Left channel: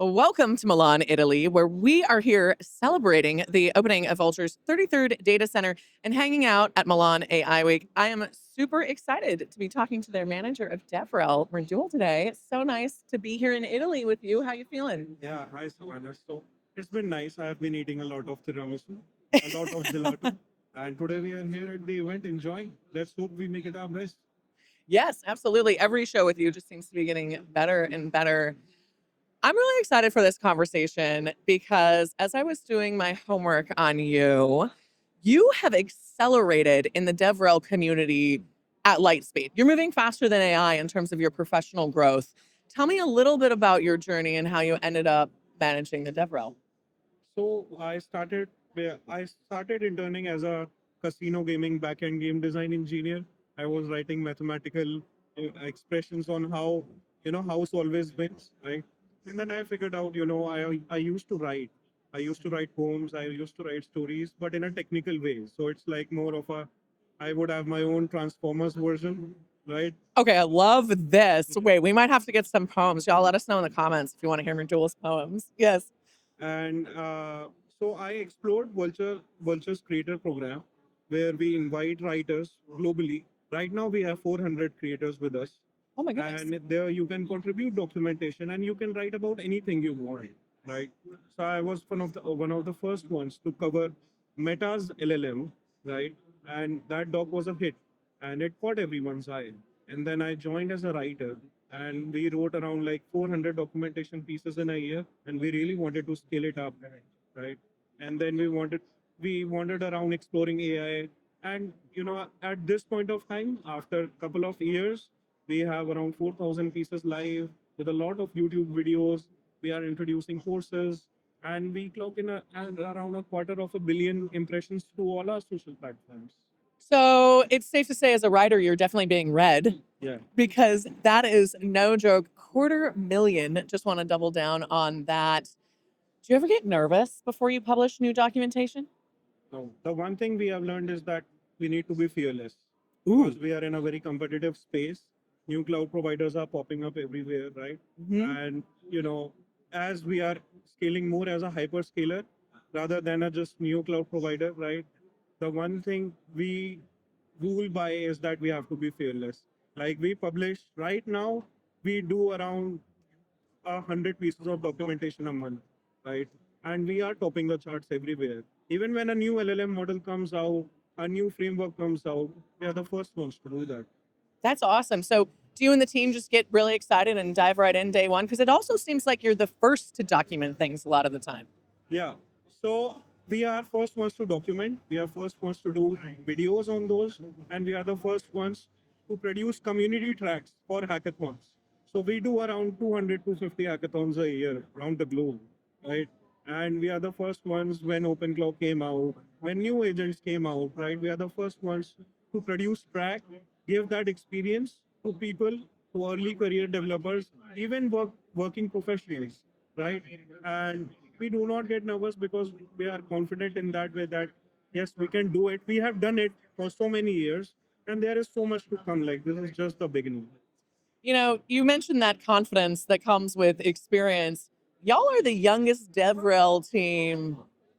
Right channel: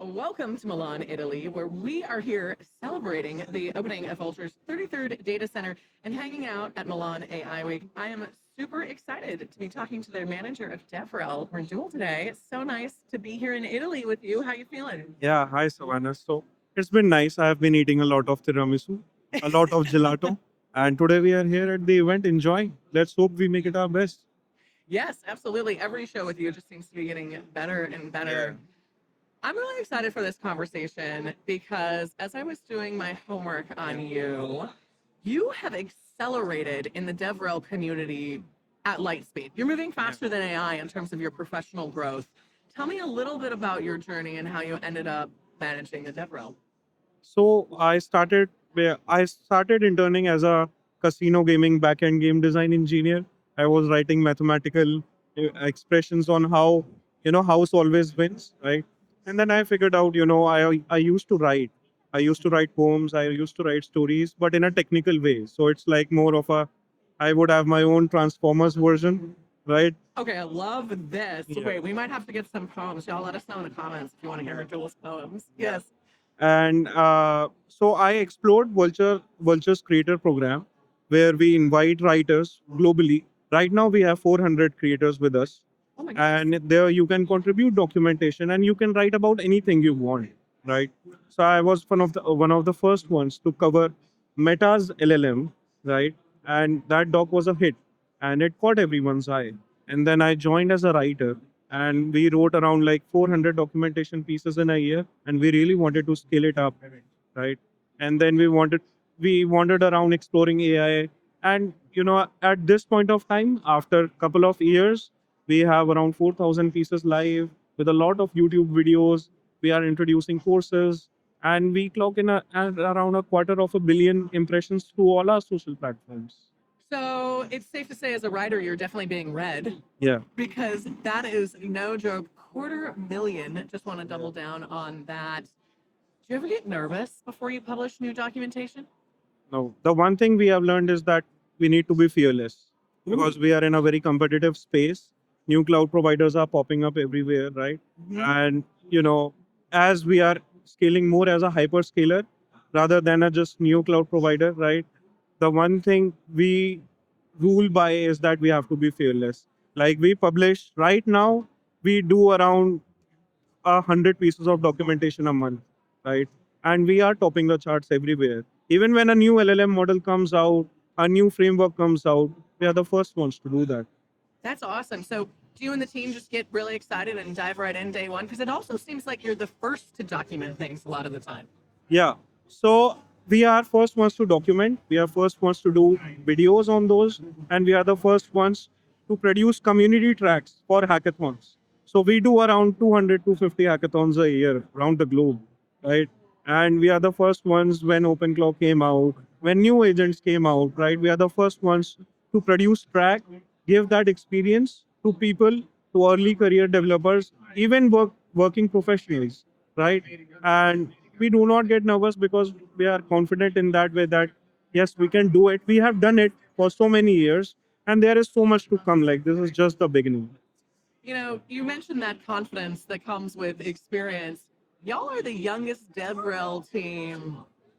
Welcome to Milan, Italy, where we are here celebrating the opening of Vultr's 33rd data center and hanging out at Milan AI Week. I am super excited to be talking to their manager of DevRel, Mirdul, today. It's so nice to be here in Italy with you. How you feeling? Yeah, hi Savannah. So it's been nice. I have been eating a lot of tiramisu, a lot of gelato, and today we are here at the event enjoying. Let's hope we make it our best. Yes, absolutely. Every show with you just seems to be getting better and better. I'm really excited for this conversation because as I was doing my homework on you, you have accelerated in the DevRel community at light speed. You're moving faster than AI in terms of your professional growth. Tell me a little bit about your journey and how you ended up managing the DevRel. So I started interning as a casino gaming backend game design engineer. I was writing mathematical expressions on how house always wins, right? And then I figured out, I used to write. I used to write poems. I used to write stories, but in a technical way. So it's like more of a I would have my own Transformers version, right? Okay, I love this. Yeah. Wait, we might have to get some poems. Y'all let us know in the comments if you want to hear Duel's poems. Yes. And so I explored Vulture's Creator Program, where we invite writers globally. Right now, we have 400 creators with us, Oh my goodness. and there you can contribute documentation and you can write about anything you want, right? So I was one of the first ones to cover Meta's LLM, right? And that doc was a hit, and it caught everyone's eye. And then I joined as a writer, and we wrote around like 400 documentation pieces in a year, and we really wanted to scale it up, right? And then we wandered around exploring AI, and at this point of time, after a couple of years, we have around 4,000 pieces live with a lot of YouTube videos. We are introducing courses, and we clock in at around a quarter of a billion impressions through all our social platforms. So it's safe to say, as a writer, you're definitely being read Yeah. because that is no joke. Quarter million. Just want to double down on that. Do you ever get nervous before you publish new documentation? No, the one thing we have learned is that we need to be fearless Ooh. because we are in a very competitive space. New cloud providers are popping up everywhere, right? Mhm. And as we are scaling more as a hyperscaler rather than a just new cloud provider, right? The one thing we rule by is that we have to be fearless. Like we publish right now, we do around 100 pieces of documentation a month, right? And we are topping the charts everywhere. Even when a new LLM model comes out, a new framework comes out, we are the first ones to do that. That's awesome. So do you and the team just get really excited and dive right in day one? Because it also seems like you're the first to document things a lot of the time. Yeah. So we are first ones to document. We are first ones to do videos on those, and we are the first ones to produce community tracks for hackathons. So we do around 200 to 50 hackathons a year around the globe, right? And we are the first ones when OpenClaw came out, when new agents came out, right? We are the first ones to produce track, give that experience to people, to early career developers, even working professionals, right? And we do not get nervous because we are confident in that way that yes, we can do it. We have done it for so many years, and there is so much to come. Like this is just the beginning. You know, you mentioned that confidence that comes with experience. Y'all are the youngest DevRel team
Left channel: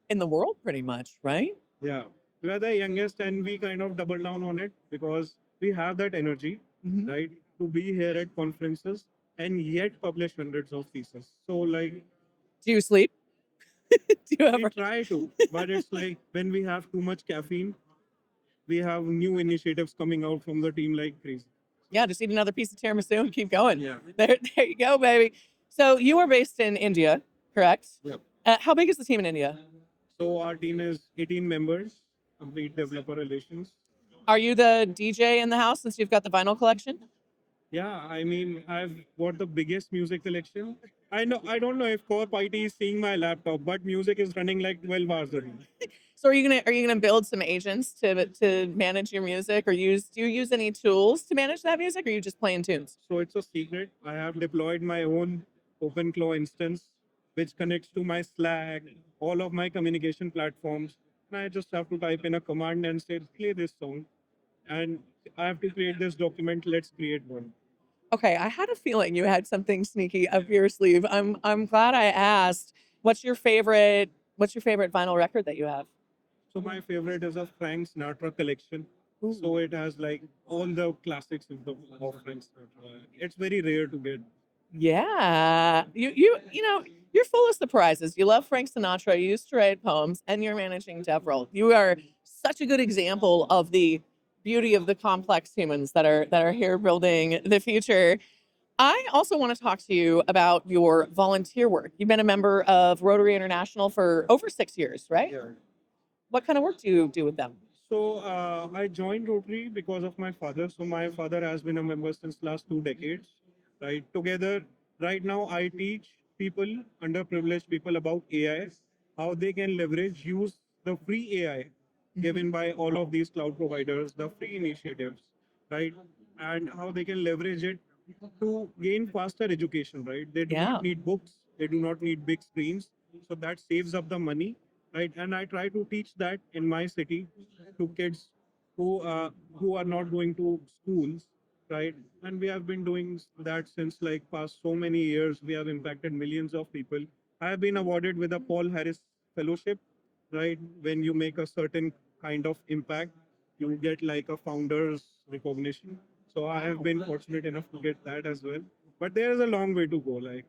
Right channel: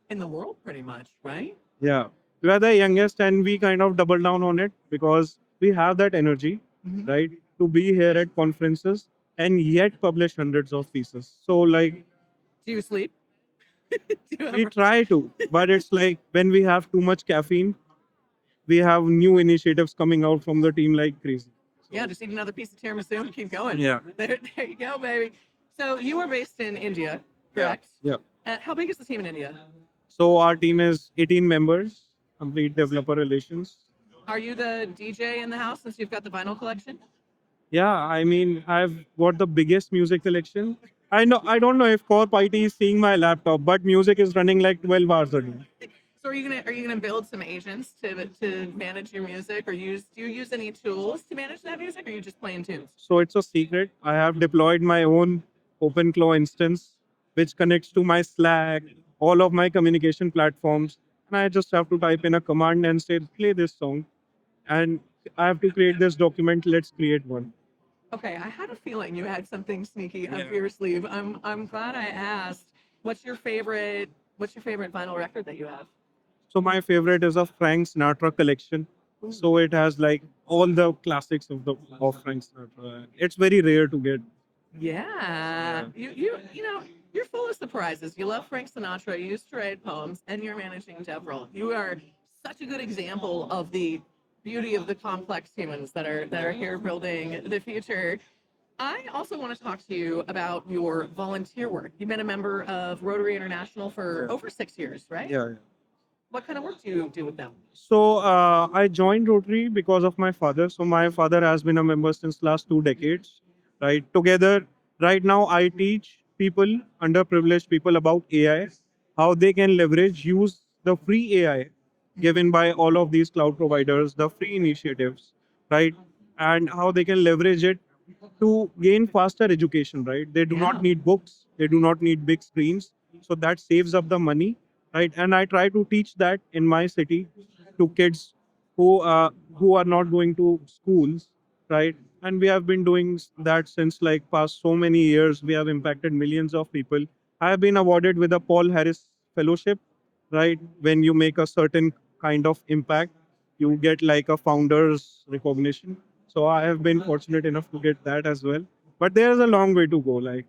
in the world, pretty much, right? Yeah, we are the youngest, and we kind of double down on it because we have that energy, Mhm. right, to be here at conferences and yet publish hundreds of pieces. So like Do you sleep? Do you we ever? try to, but it's like when we have too much caffeine, we have new initiatives coming out from the team like crazy. Yeah, just eat another piece of tiramisu and keep going. Yeah. There you go, baby. So you are based in India, correct? Yeah. How big is the team in India? So our team is 18 members, complete developer relations. Are you the DJ in the house since you've got the vinyl collection? Yeah, I mean, I've got the biggest music collection. I don't know if Corp IT is seeing my laptop, but music is running like 12 hours a day. So are you gonna build some agents to manage your music, or do you use any tools to manage that music, or are you just playing tunes? So it's a secret. I have deployed my own OpenClaw instance, which connects to my Slack, all of my communication platforms. And I just have to type in a command and say, play this song. And I have to create this document. Let's create one. Okay, I had a feeling you had something sneaky up Yeah. your sleeve. I'm glad I asked. What's your favorite vinyl record that you have? So my favorite is a Frank Sinatra collection. Ooh. So it has like all the classics of Frank Sinatra. It's very rare to get. Yeah. Yeah. You're full of surprises. You love Frank Sinatra, you used to write poems, and you're managing DevRel. You are such a good example of the beauty of the complex humans that are here building the future. I also want to talk to you about your volunteer work. You've been a member of Rotary International for Yeah. over 6 years, right? Yeah. What kind of work do you do with them? So I joined Rotary because of my father. So my father has been a member since last 2 decades, right? Together, right now I teach people, underprivileged people about AI, how they can leverage, use the free AI given by all of these cloud providers, the free initiatives, right? And how they can leverage it to gain faster education, right? They do not Yeah. need books, they do not need big screens. So that saves up the money, right? And I try to teach that in my city to kids who are not going to schools, right? And we have been doing that since like past so many years. We have impacted millions of people. I have been awarded with a Paul Harris Fellowship, right? When you make a certain kind of impact, you get like a founder's recognition. So I have been fortunate enough to get that as well. But there's a long way to go. Like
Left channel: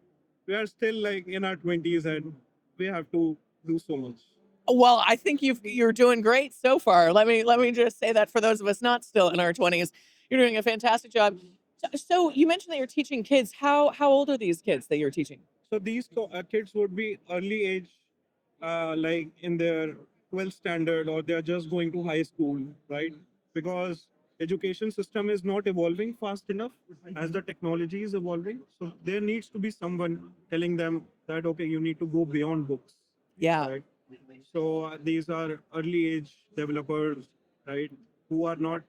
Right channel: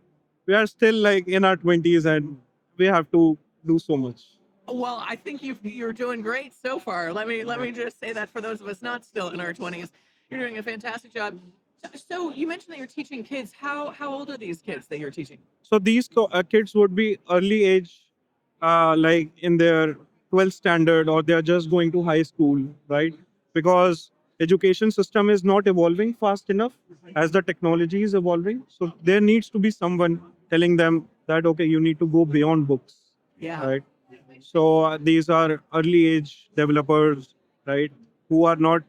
we are still like in our 20s and we have to do so much. Well, I think you're doing great so far. Let me just say that for those of us not still in our 20s, you're doing a fantastic job. So you mentioned that you're teaching kids. How old are these kids that you're teaching? So these kids would be early age, like in their 12th standard, or they are just going to high school, right? Because education system is not evolving fast enough as the technology is evolving. So there needs to be someone telling them that okay, you need to go beyond books, Yeah. right? So these are early age developers, right, who are not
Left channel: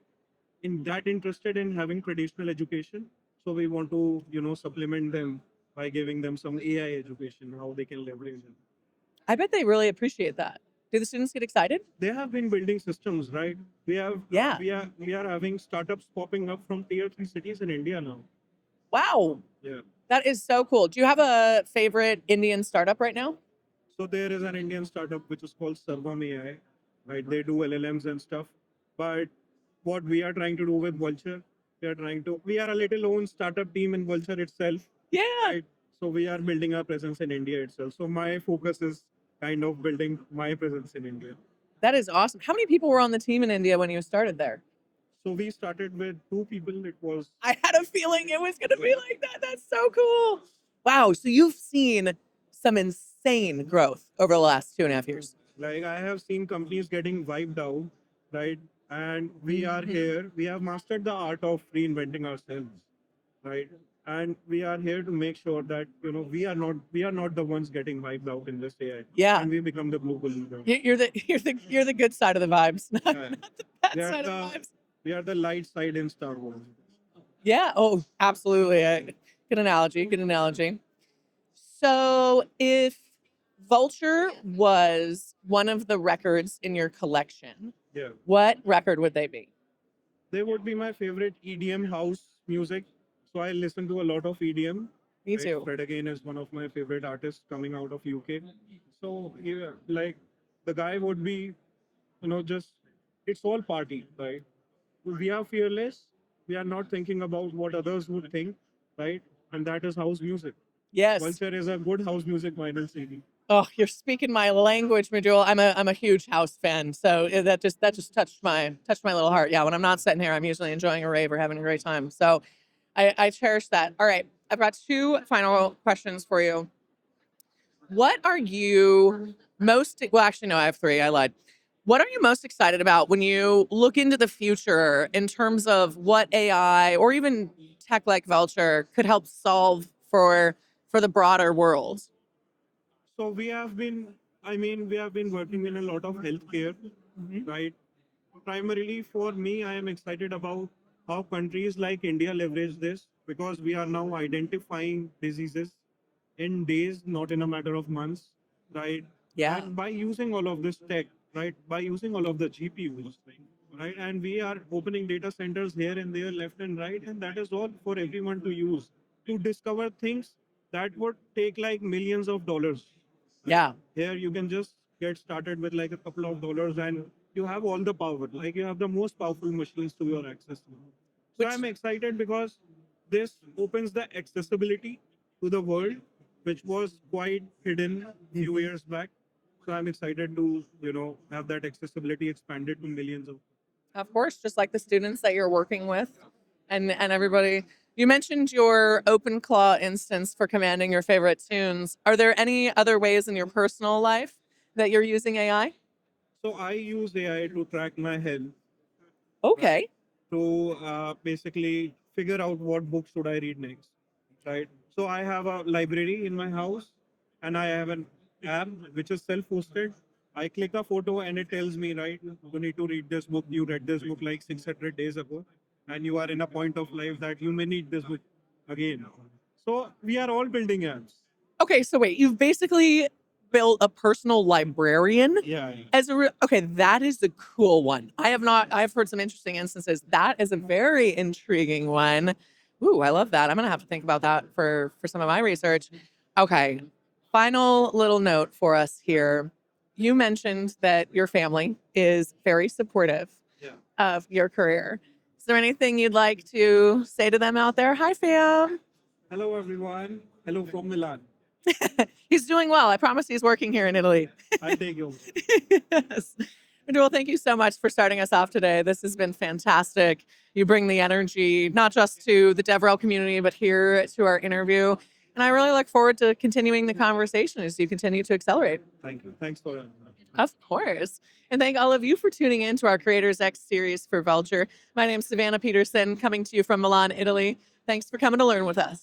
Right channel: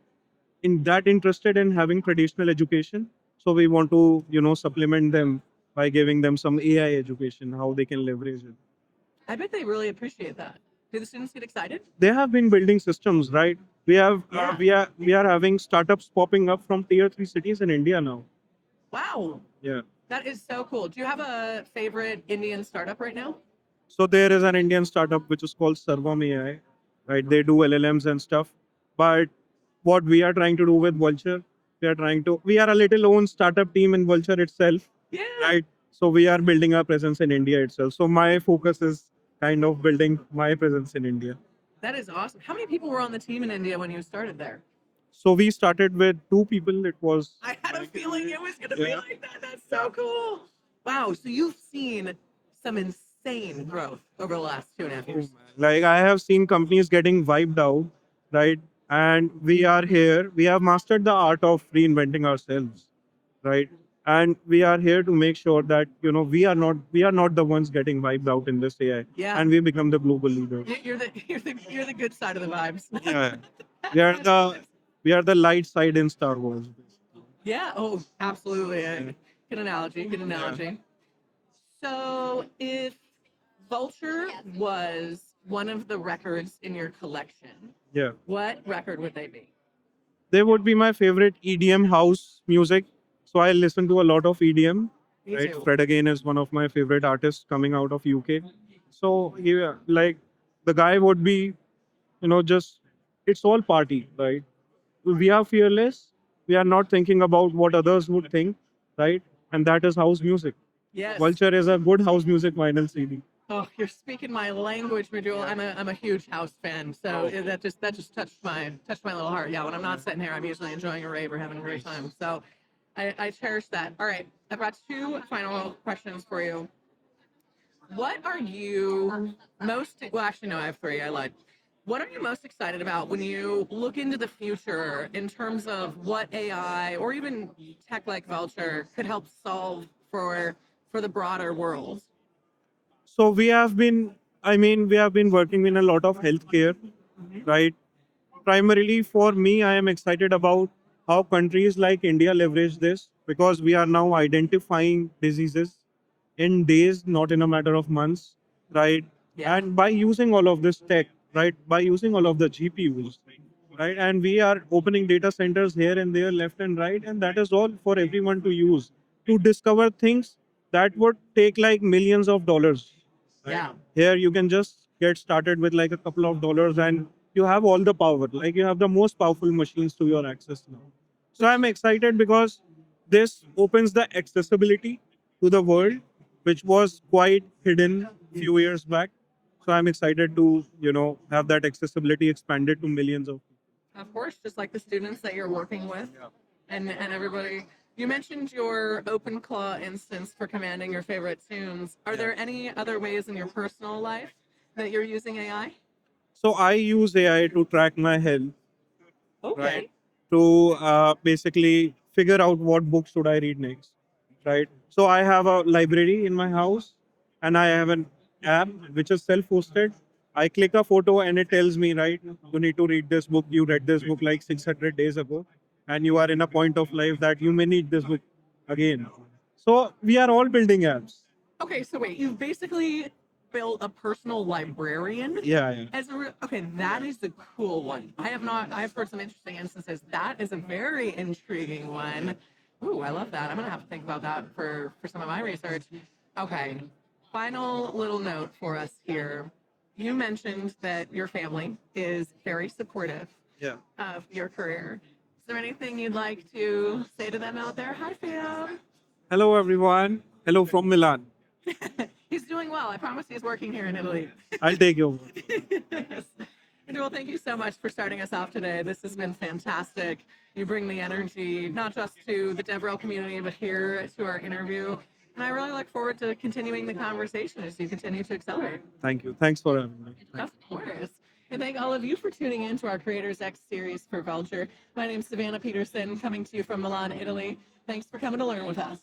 in that interested in having traditional education. So we want to, supplement them by giving them some AI education, how they can leverage it. I bet they really appreciate that. Do the students get excited? They have been building systems, right? We have Yeah. we are having startups popping up from tier three cities in India now. Wow. Yeah. That is so cool. Do you have a favorite Indian startup right now? So there is an Indian startup which is called Servam AI, right? They do LLMs and stuff. But what we are trying to do with Vultr, we are a little own startup team in Vultr itself, Yeah. right? So we are building our presence in India itself. So my focus is kind of building my presence in India. That is awesome. How many people were on the team in India when you started there? So we started with 2 people. It was I had a feeling it was going to be yeah. like that. That's so cool. Wow. So you've seen some insane growth over the last 2.5 years. Like I have seen companies getting wiped out, right? And we are here. We have mastered the art of reinventing ourselves, right? And we are here to make sure that we are not the ones getting wiped out in this AI, Yeah. and we become the global leader. You're the good side of the vibes, not, Yeah, not the bad we are side of the the vibes. we are the light side in Star Wars. Yeah. Oh, absolutely. Yeah, Good analogy. Good yeah, analogy. So if Vulture was one of the records in your collection, yeah. what record would they be? They would be my favorite EDM house music. So I listen to a lot of EDM. Me Right, too. Fred again is one of my favorite artists coming out of UK. So yeah, like the guy would be, just it's all party, right? We are fearless. We are not thinking about what others would think, right? And that is house music. Yes. Vulture is a good house music vinyl CD. Oh, you're speaking my language, Mirdul. I'm a huge house fan, so Oh, that just touched my little heart. Yeah, when I'm not sitting here, I'm usually enjoying a rave or having a great time. So I cherish that. All right, I've got two final questions for you. What are you most well, actually no, I have three. I lied. What are you most excited about when you look into the future in terms of what AI or even tech like Vulture could help solve for the broader world? so we have been working in a lot of healthcare, Mhm. right? Primarily for me, I am excited about how countries like India leverage this because we are now identifying diseases in days, not in a matter of months, right? Yeah. And by using all of this tech, right, by using all of the GPUs, right? And we are opening data centers here and there, left and right, and that is all for everyone to use to discover things that would take like millions of dollars. Right? Yeah. Here you can just get started with like a couple of dollars, and you have all the power. Like you have the most powerful machines to your access now. So Which I'm excited because this opens the accessibility to the world, which was quite hidden few years back. So I'm excited to, have that accessibility expanded to millions of people. of course, just like the students that you're working with and everybody. You mentioned your OpenClaw instance for commanding your favorite tunes. Are there any other ways in your personal life that you're using AI? So I use AI to track my health, right? Okay. To basically figure out what book should I read next, right? So I have a library in my house, and I have an app which is self-hosted. I click a photo and it tells me, right, you need to read this book. You read this book like 600 days ago, and you are in a point of life that you may need this book again. So we are all building apps. Okay, so wait, you've basically built a personal librarian Yeah, yeah. as a okay, that is the cool one. I have not I've heard some interesting instances. That is a very intriguing one. Ooh, I love that. I'm gonna have to think about that for some of my research. Okay. Final little note for us here. You mentioned that your family is very supportive Yeah. of your career. Is there anything you'd like to say to them out there? Hi, fam. Hello, everyone. Hello from Milan. He's doing well. I promise he's working here in Italy. I'll take you. Yes. Well, thank you so much for starting us off today. This has been fantastic. You bring the energy, not just to the DevRel community, but here to our interview. And I really look forward to continuing the conversation as you continue to accelerate. Thank you. Thanks for having me. Of course. And thank all of you for tuning in to our Creators X series for Vultr. My name is Savannah Peterson, coming to you from Milan, Italy. Thanks for coming to learn with us.